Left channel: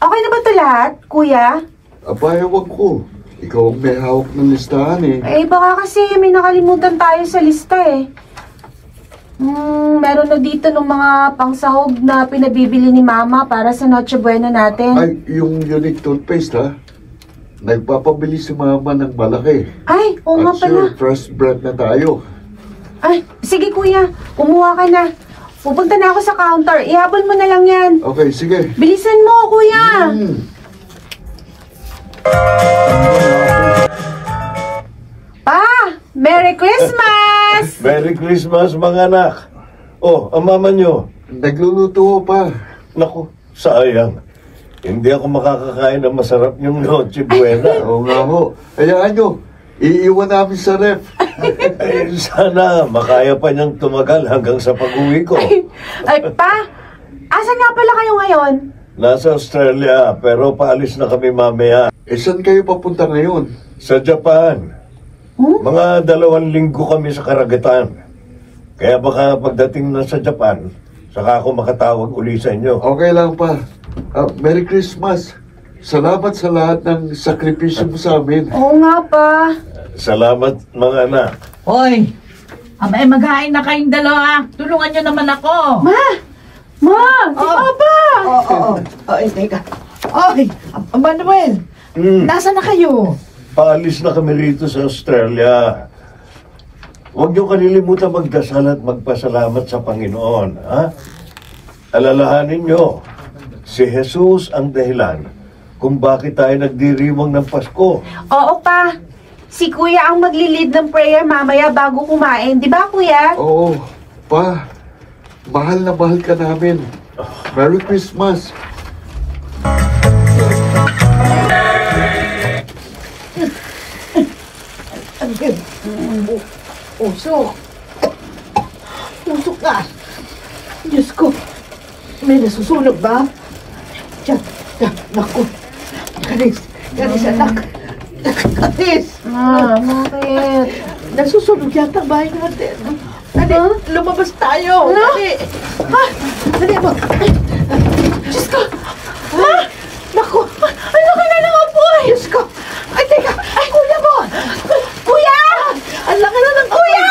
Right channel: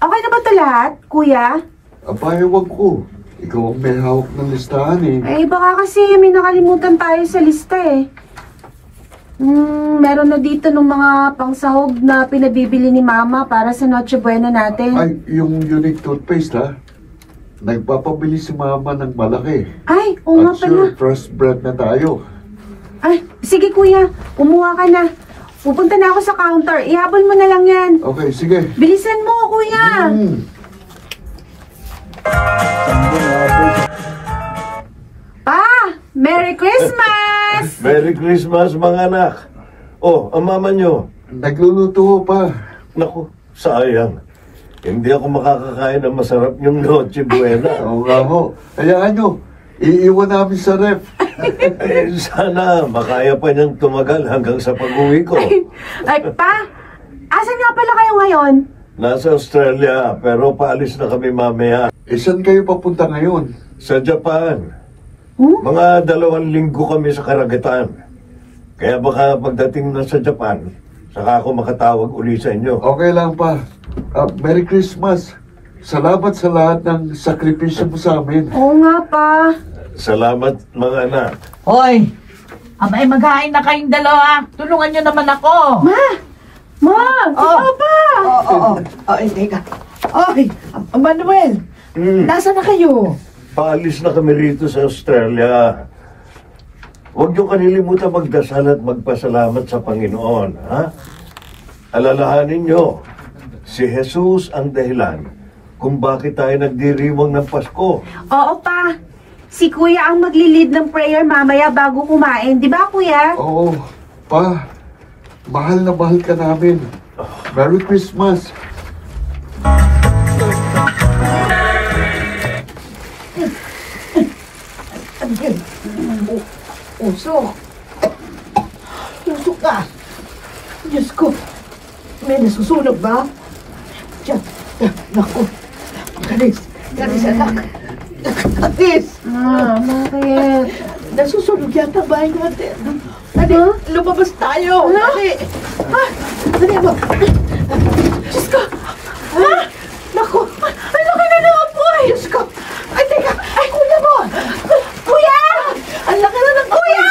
Okay na ba ito lahat, kuya? Aba, ewan ko. Ikaw ang may hawak ng listahan eh. Eh, baka kasi may nakalimutan tayo sa lista eh. Meron na dito ng mga pangsahog na pinabibili ni Mama para sa Noche Buena natin. Ay, yung unique toothpaste ha? Nagpapabili si Mama ng malaki. Ay, oo nga At pala. sure, fresh bread na tayo. Ay, sige kuya, kumuha ka na. Pupunta na ako sa counter. Ihabol mo na lang yan. Okay, sige. Bilisan mo, kuya. Pa, Merry Christmas! Merry Christmas, mga anak. Oh, ang mama nyo. Nagluluto ho pa. Naku, sayang. Hindi ako makakakain ng masarap yung Noche Buena. Oo nga ho. Hayaan nyo, iiwan namin sa ref. Eh, sana makaya pa niyang tumagal hanggang sa pag-uwi ko. Ay, pa, asan nga pala kayo ngayon? Nasa Australia, pero paalis na kami mamaya. Eh, saan kayo papunta ngayon? Sa Japan. Mga 2 linggo kami sa karagatan. Kaya baka pagdating na sa Japan, saka ako makatawag uli sa inyo. Okay lang pa. Merry Christmas. Salamat sa lahat ng sakripisyo mo sa amin. Oo nga pa. Salamat, mga anak. Hoy! Abay, maghain na kayong dalawa. Tulungan nyo naman ako. Ma! Si Papa! Teka. Oy, Manuel, nasa na kayo? Paalis na kami rito sa Australia. Huwag niyo kanilimutan magdasal at magpasalamat sa Panginoon, ha? Alalahanin niyo, si Jesus ang dahilan kung bakit tayo nagdiriwang ng Pasko. Oo pa. Si kuya ang maglilid ng prayer mamaya bago kumain. Di ba, kuya? Oo, pa. Mahal na mahal ka namin. Merry Christmas. Ano yun? Usok. Usok ka. Diyos ko. May nasusunog ba? Diyan. Naku. Kanis anak. Kanis. Bakit? Nasusunog yata ang bahay natin. Dali, lumabas tayo. Dali. Dali mo. Diyos ko. Naku. Ang laki na naman po. Diyos ko. Ay, teka. Ay, kuya mo. Kuya! Ang laki na ng kuya!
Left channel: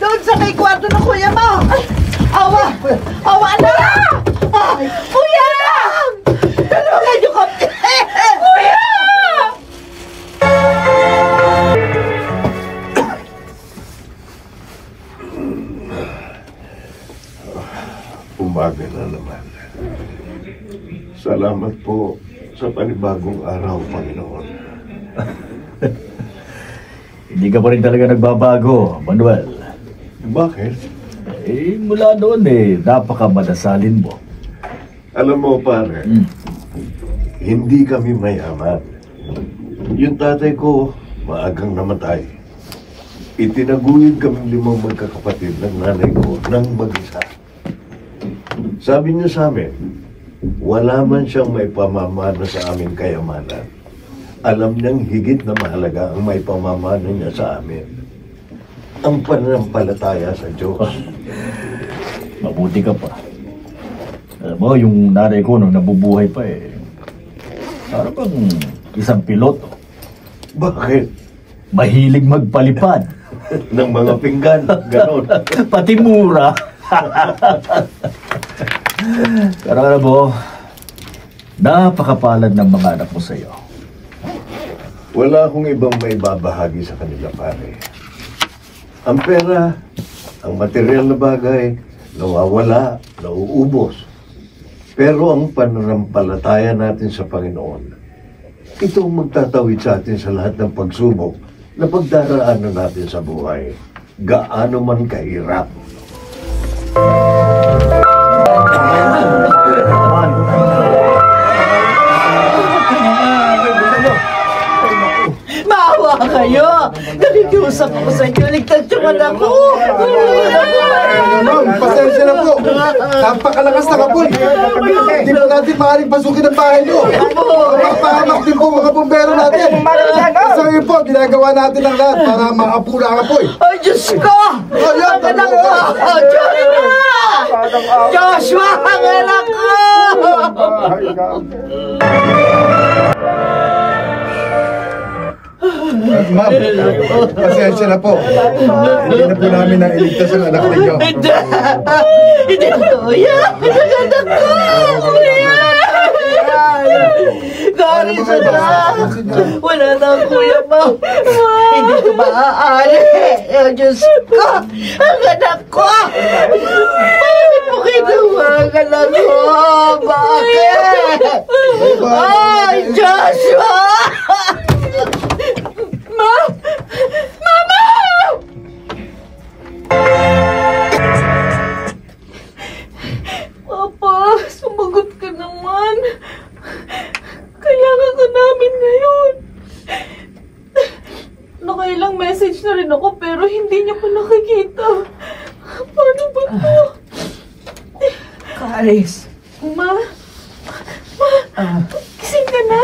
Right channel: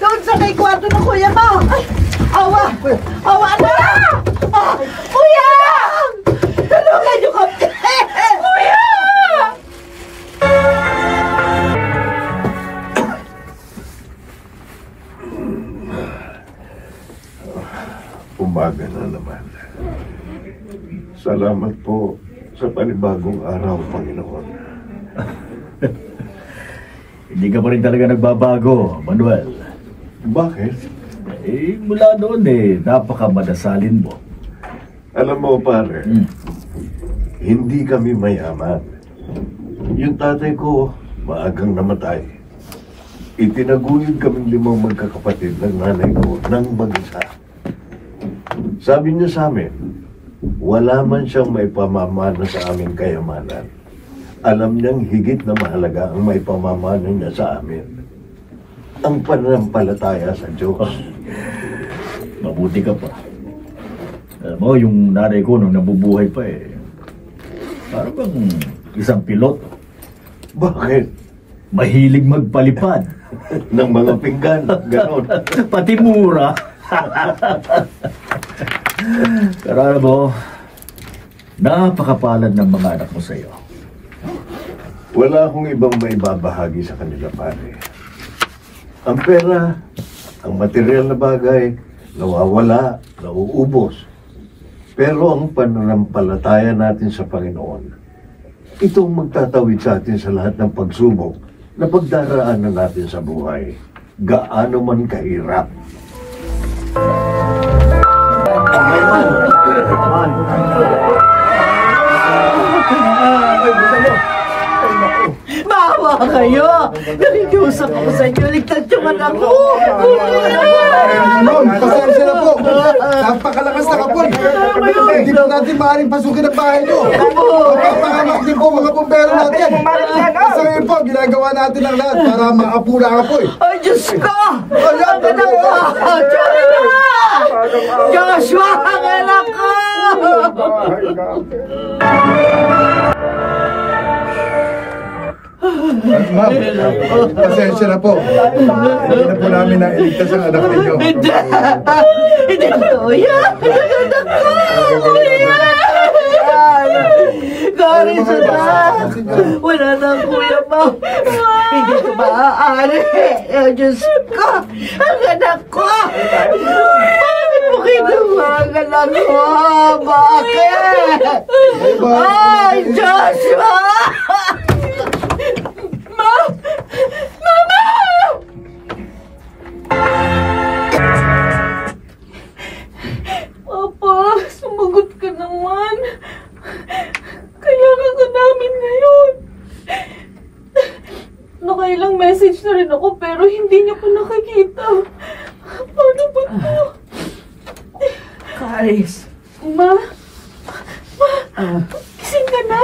Doon sa may kwarto ng kuya mo. Ay, awa. Awa na. Ay, kuya! Tulungan niyo kami. Kuya! Umaga na naman. Salamat po sa panibagong araw, Panginoon. Hindi ka pa rin talaga nagbabago, Manuel. Bakit? Eh, mula noon napaka-madasalin mo. Alam mo, pare, hindi kami mayaman. Yung tatay ko, maagang namatay. Itinaguyod kaming 5 magkakapatid ng nanay ko ng mag-isa. Sabi niya sa amin, wala man siyang may pamamana sa aming kayamanan. Alam niyang higit na mahalaga ang may pamamana niya sa amin. Ang pananampalataya sa Diyos. Mabuti ka pa. Alam mo, yung nanay ko nung nabubuhay pa parang bang isang piloto. Bakit? Mahilig magpalipad. Ng mga pinggan, ganon. Pati mura. Pero alam mo, napakapalad ng mga anak mo sa'yo. Wala akong ibang may babahagi sa kanila, pare. Ang pera, ang material na bagay, nawawala, nauubos. Pero ang pananampalataya natin sa Panginoon, ito ang magtatawid sa atin sa lahat ng pagsubok na pagdaraanan natin sa buhay, gaano man kahirap. Maawa kayo! Nakikiusap ako sa inyo, ligtas yung anak ko! Ma'am, pasensya na po. Napakalakas na kapul. Hindi po natin maaaring pasukin ang bahay nyo. Papahamak din po mga bumbero natin. Sa ngayon po, ginagawa natin ang lahat para maapula ang apoy. Ay, Diyos ko! Ang anak ko! Joshua! Joshua, ang anak ko! bahay namin. Ma'am, pasensya na po. Hindi na po namin nailigtas ang anak ninyo. Hindi! Hindi totoo yan! Ang anak ko! Gari sa na! Wala na ang kuya mo! Hindi ko maaari! Diyos ko! Ang anak ko! Bakit mo kinuha ang anak ko? Bakit? Ay, Joshua! Ma! Mama! Papa, sumagot ka naman. Kailangan ka namin ngayon. Nakailang message na rin ako pero hindi niya pa nakikita. Paano ba ito? Karis, Ma? Gising ka na?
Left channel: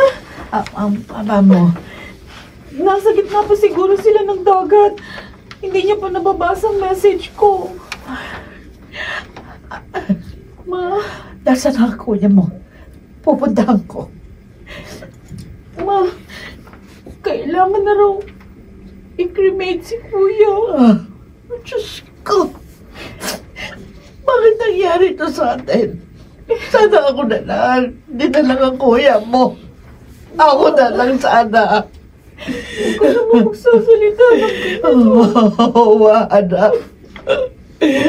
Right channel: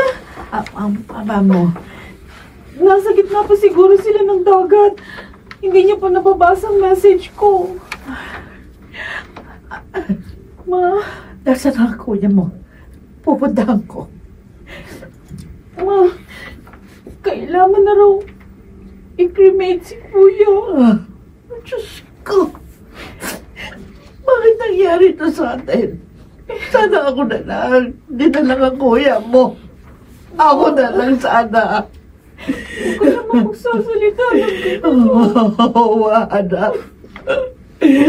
ang papa mo, Nasa gitna pa siguro sila ng dagat. Hindi niya pa nababasa ang message ko. Ma? nasa na ang kuya mo? Pupuntahan ko. Ma? Kailangan na raw i-cremate si Kuya. Diyos ko. Bakit nangyari ito sa atin? Sana ako na lang. Hindi na lang ang kuya mo. Ako na lang sana. Hindi ko naman magsasalita ng Oh, anak.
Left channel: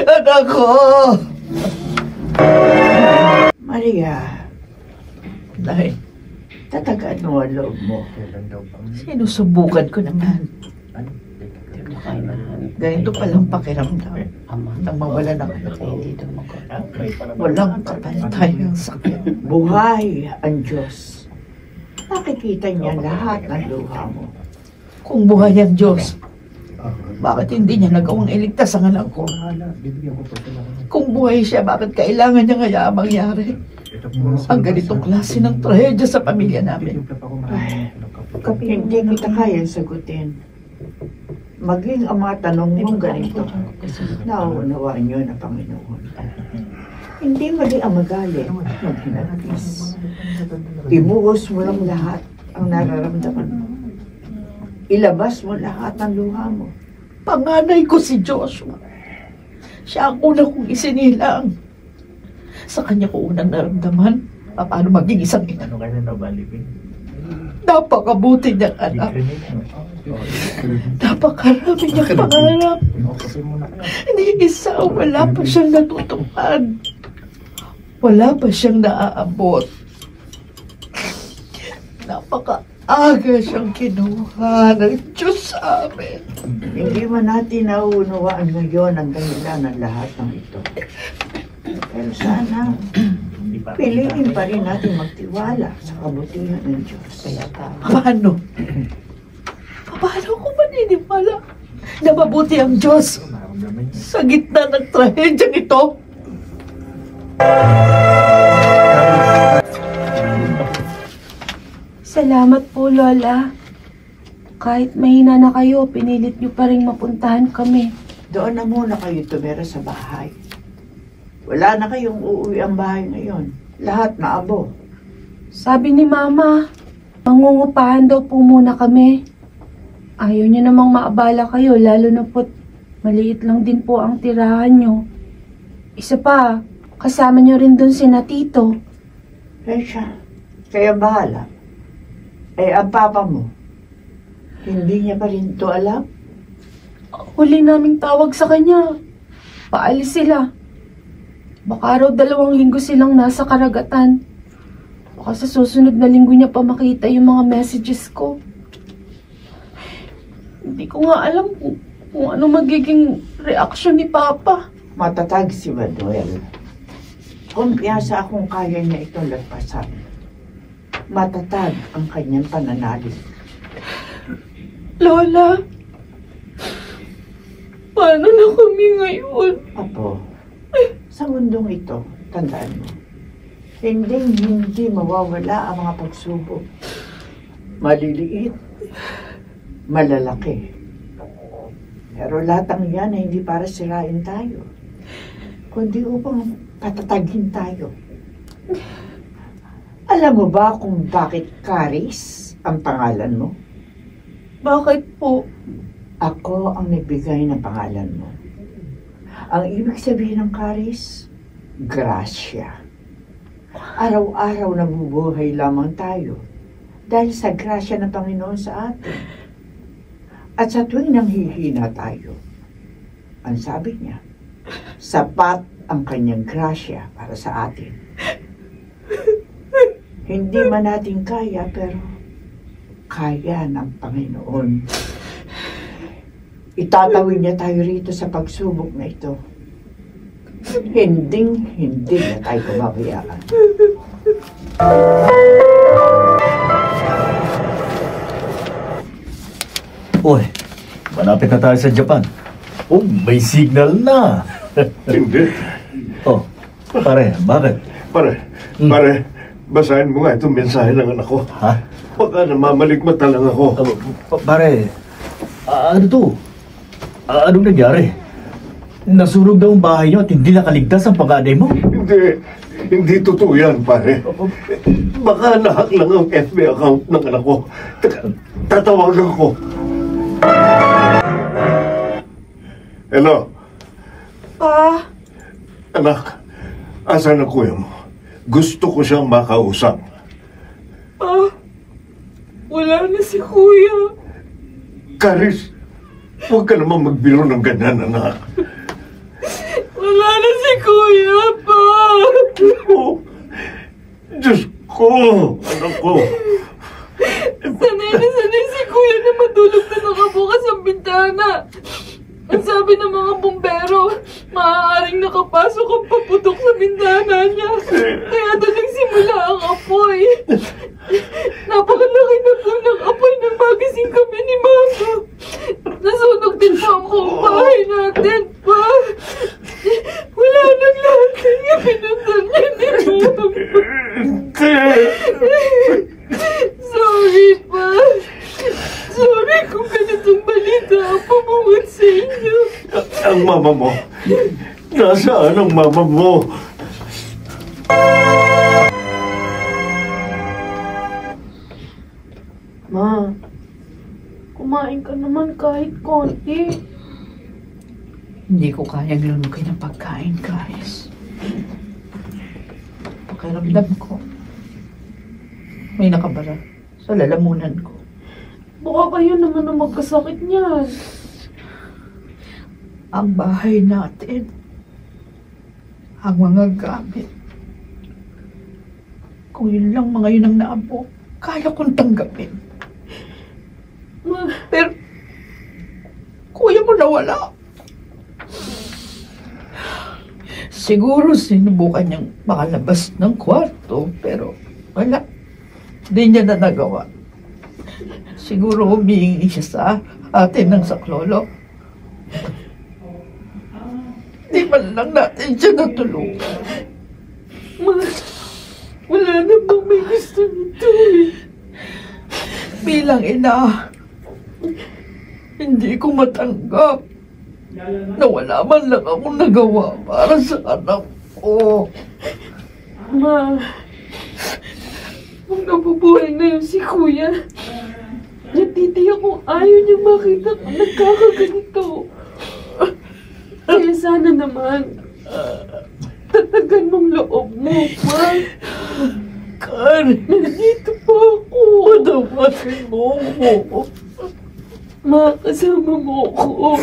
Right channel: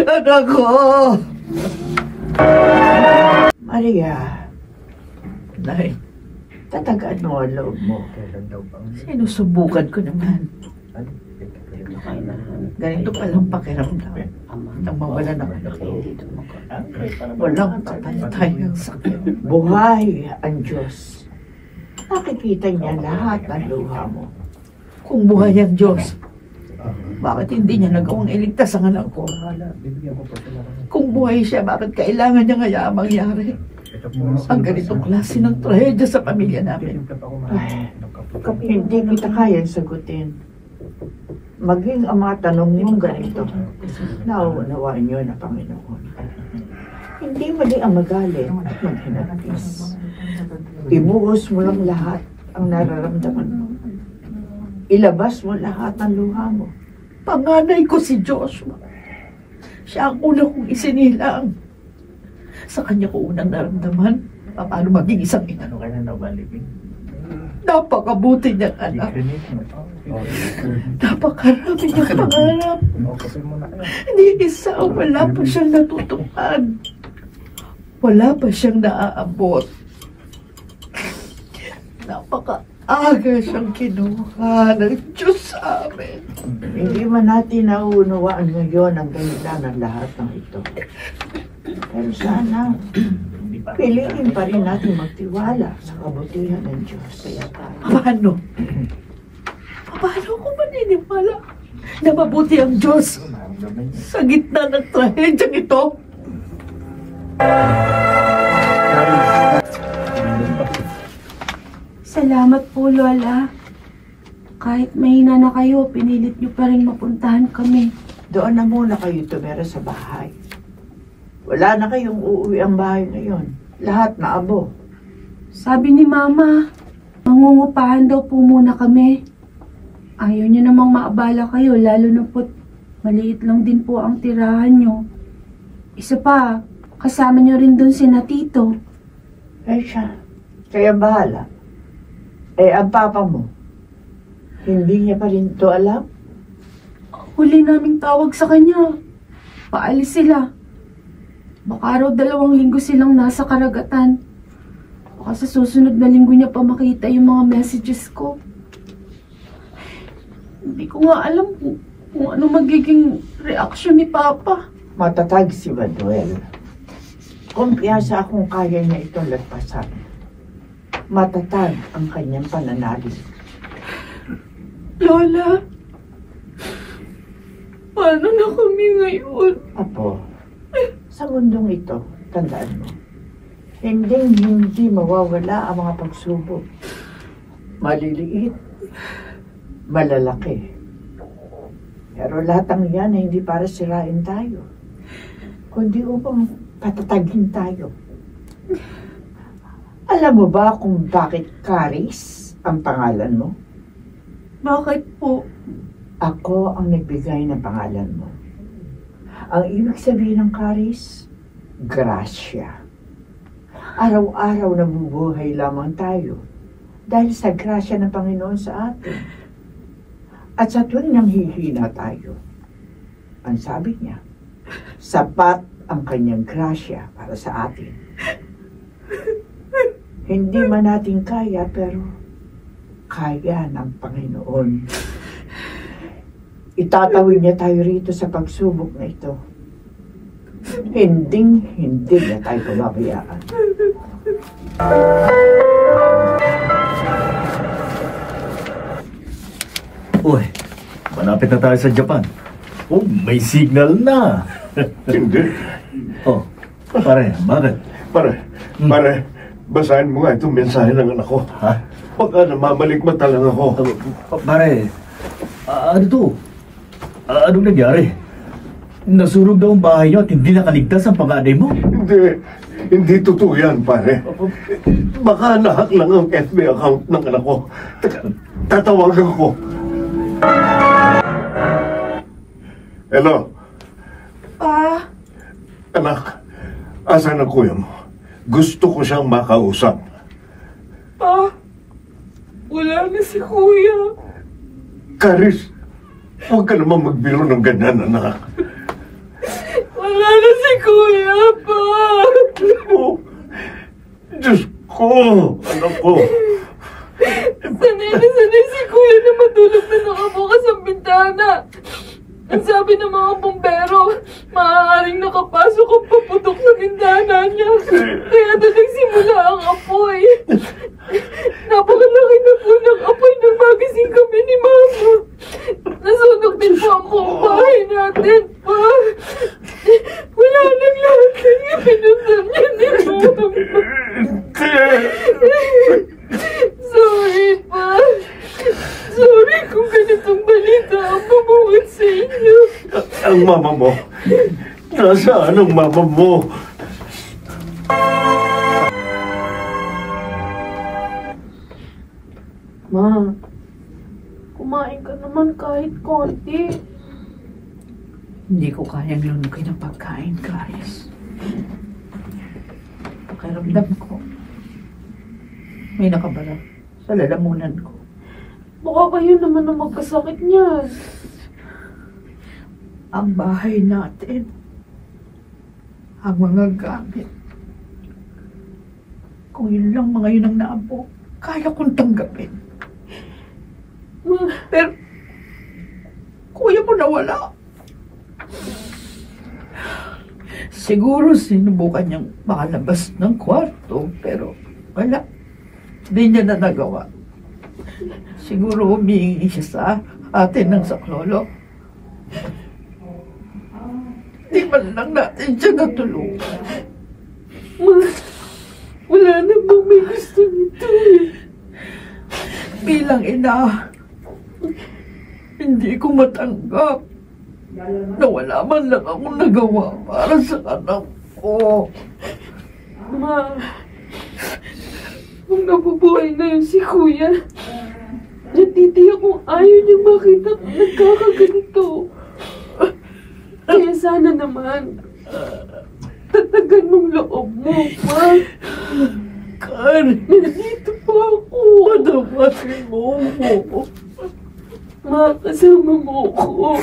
Anak ko. Maria. Nay, tatagaan mo ang loob mo. Sinusubukan ko naman. Ganito palang pakiramdam nang mawala ng anak ko. Walang kapantay ang sakit. Buhay ang Diyos. Nakikita niya lahat ng luha mo. Kung buhay ang Diyos, bakit hindi niya nagawang iligtas ang anak ko? Kung buhay siya, bakit kailangan niya kaya mangyari? Ang ganitong klase ng trahedya sa pamilya namin. Ay, hindi kita kayang sagutin. Maging ang mga tanong mong ganito, nauunawaan niyo na Panginoon. Hindi mali ang magalit at maghinagpis. Ibuhos mo lang lahat ang nararamdaman mo. Ilabas mo lahat ng luha mo. Panganay ko si Joshua. Siya ang una kong isinilang. Sa kanya ko unang naramdaman paano maging isang ina. Napakabuti niyang anak. Napakarami niyang pangarap. Hindi isa, wala pa siyang natutupad. Wala pa siyang naaabot. Napaka-aga siyang kinuha ng Diyos sa amin. Hindi man natin nauunawaan ngayon ang dahilan ng lahat ng ito. Pero sana, piliin pa rin natin magtiwala sa kabutihan ng Diyos. Paano? Paano ko maniniwala na mabuti ang Diyos sa gitna ng trahedyang ito? Salamat po, Lola. Kahit mahina na kayo, pinilit niyo pa rin mapuntahan kami. Doon na muna kayo tumira sa bahay. Wala na kayong uuwi ang bahay ngayon. Lahat na abo. Sabi ni Mama, mangungupahan daw po muna kami. Ayaw niya namang maabala kayo, lalo na po't maliit lang din po ang tirahan niyo. Isa pa, kasama niyo rin dun si Tito. Eh siya, kaya bahala. Eh, ang papa mo, hindi niya pa rin to alam? Huli naming tawag sa kanya. Paalis sila. Baka raw 2 linggo silang nasa karagatan. Baka sa susunod na linggo niya pa makita yung mga messages ko. Hindi ko nga alam kung ano magiging reaksyon ni Papa. Matatag si Manuel. Kumpiyansa akong kaya niya itong lagpasan. Matatag ang kanyang pananalig. Lola, paano na kami ngayon? Apo, sa mundong ito, tandaan mo, hindi mawawala ang mga pagsubok. Maliliit, malalaki. Pero lahat ng yan ay hindi para sirain tayo, kundi upang patatagin tayo. Alam mo ba kung bakit Caris ang pangalan mo? Bakit po? Ako ang nagbigay ng pangalan mo. Ang ibig sabihin ng Caris, grasya. Araw-araw nabubuhay lamang tayo dahil sa grasya ng Panginoon sa atin. At sa tuwing nanghihina tayo, ang sabi niya, sapat ang kanyang grasya para sa atin. Hindi man natin kaya, pero kaya ng Panginoon. Itatawid niya tayo rito sa pagsubok na ito. Hindi na tayo pababayaan. Uy, malapit na tayo sa Japan. Oh, may signal na. Hindi. Oh, pare, bakit? Pare, basahin mo nga itong mensahe ng anak ko. Ha? Baka namamalikmata lang ako. Pare, ano to? Anong nangyari? Nasunog daw ang bahay niyo at hindi nakaligtas ang panganay mo? Hindi totoo yan, pare. Baka nahack lang ang FB account ng anak ko. Tatawagan ko. Hello? Anak, asan ang kuya mo? Gusto ko siyang makausap. Wala na si Kuya. Caris, huwag ka naman magbiro ng ganyan, anak. Wala na si Kuya pa. Oh, Diyos ko, anak ko. Sanay si Kuya na matulog na nakabukas ang bintana. Ang sabi ng mga bumbero, maaaring nakapasok ang paputok sa bintana niya. Kaya doon nagsimula ang apoy. Napakalaki na po ng apoy nang magising kami ni Mama. Nasunog din po ang buong bahay natin, pa. Wala nang lahat kaya pinuntan niya ni Mama. Sorry, pa. Sorry kung ganitong balita ang bumuhat sa inyo. Ang mama mo? Nasaan ang mama mo? Ma, kumain ka naman kahit konti. Hindi ko kayang lunukin ang pagkain, Caris. Pakiramdam ko, may nakabara sa lalamunan ko. Baka kayo naman ang magkasakit niyan. Ang bahay natin, ang mga gamit. Kung yun lang mga yun ang naabo, kaya kong tanggapin. Pero, kuya mo nawala. Siguro sinubukan niyang makalabas ng kwarto, pero wala. Hindi niya na nagawa. Siguro humihingi siya sa atin ng saklolo. Di man lang natin siya natulungan. Wala na bang may gusto nito eh. Bilang ina, hindi ko matanggap na wala man lang akong nagawa para sa anak ko. Ma, kung nabubuhay na yun si Kuya, natitiyak kung ayaw niya makita kung nagkakaganito. Kaya sana naman, tatagan mong loob mo, Ma. Karen, Nandito pa ako. patawasin mo mo. Ma, kasama mo ako.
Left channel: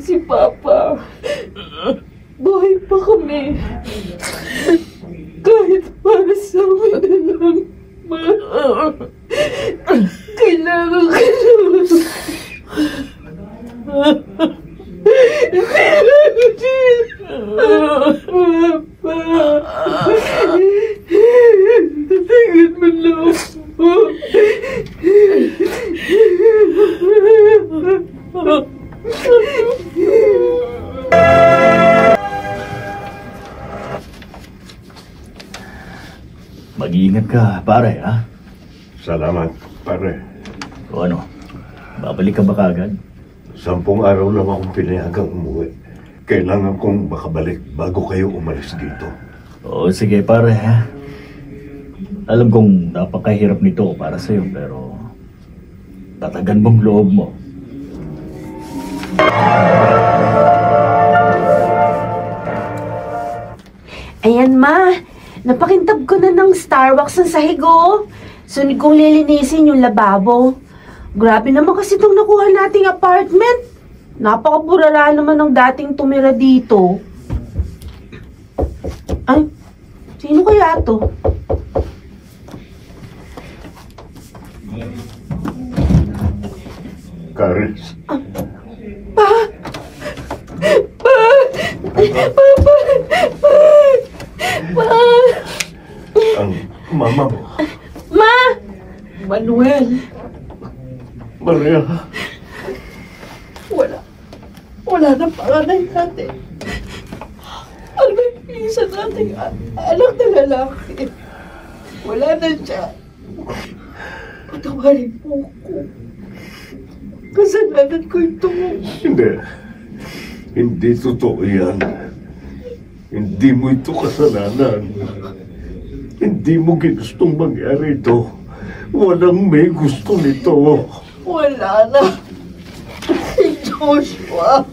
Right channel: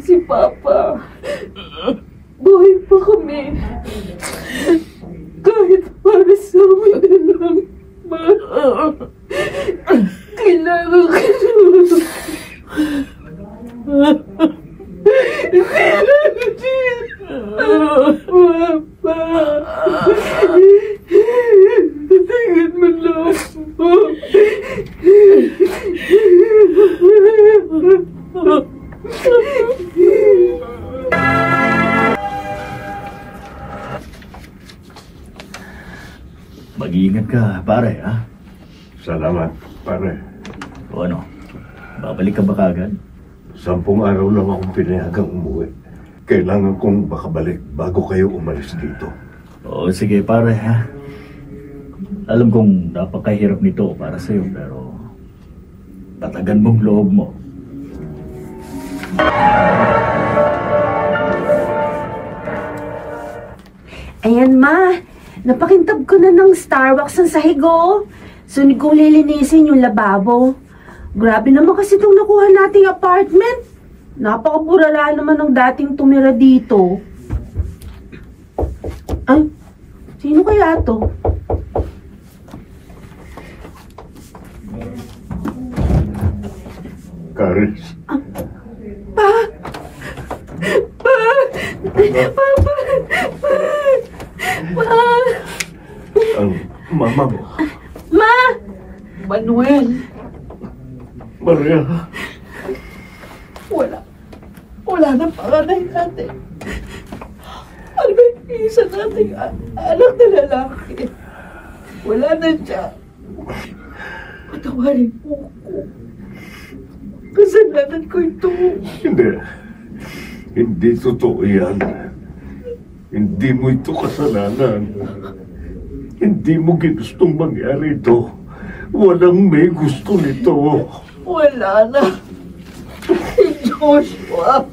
Si Papa. Buhay pa kami. Kahit para sa amin na lang, Ma. Kailangan ka Papa. Tingin mo lang po. Mag-iingat ka, pare, ha? Salamat, pare. O ano, babalik ka ba kagad? 10 araw lang akong pinayagang umuwi. Kailangan kong makabalik bago kayo umalis dito. O sige, pare, ha? Alam kong napakahirap nito para sa'yo, pero tatagan mong loob mo. Ayan, Ma. Napakintab ko na ng Starbucks ng sahigo. Sunod kong lilinisin yung lababo. Grabe naman kasi itong nakuha nating apartment. Napakaburara naman ng dating tumira dito. Ay, sino kaya to? Caris. Pa! Pa! Papa! Pa! Pa! Ang mama mo. Ma! Manuel, Maria. wala na panganay natin. Ano ba yung isa nating anak na lalaki? Wala na siya. Patawarin mo ko. Kasalanan ko ito. Hindi. Hindi totoo yan. Hindi mo ito kasalanan. Hindi mo ginustong mangyari ito. Walang may gusto nito. Wala na. Si Joshua.